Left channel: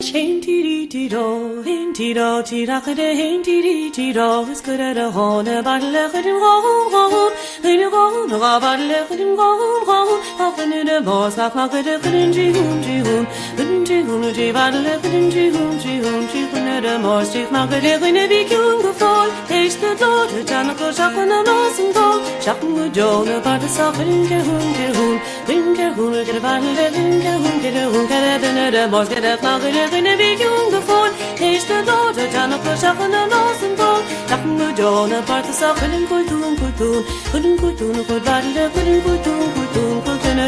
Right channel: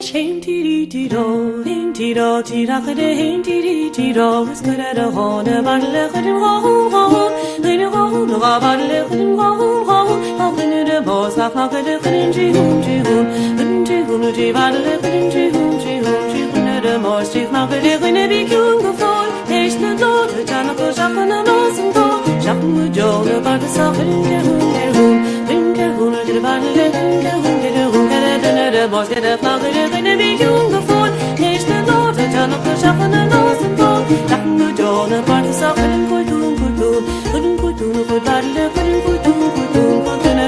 Chain tee tee do, hin tee do, tee da kade hin tee tee do. Is good at a horn, a battle at him go, in a go, no battle at him go. Up in the boss, like a different jihun, battle at him jihun, at a most chief market in a big young fall. Taste the daughter, Janako Shakan and Lawson go. Shakan with Joan about the suffering Kerhun, get a battle at him, get a hoon, get a boss, get a market. In a big young fall, taste the daughter, Janako Shakan and Lawson go. Shakan with Joan about the suffering good battle, couldn't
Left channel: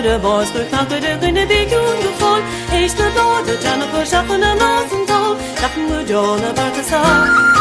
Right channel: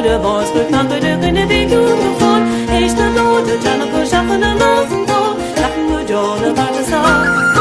the boss, good market in a big young fall. Taste the daughter, Janako Shakan and Lawson go. Shakan with Joan about the suffering.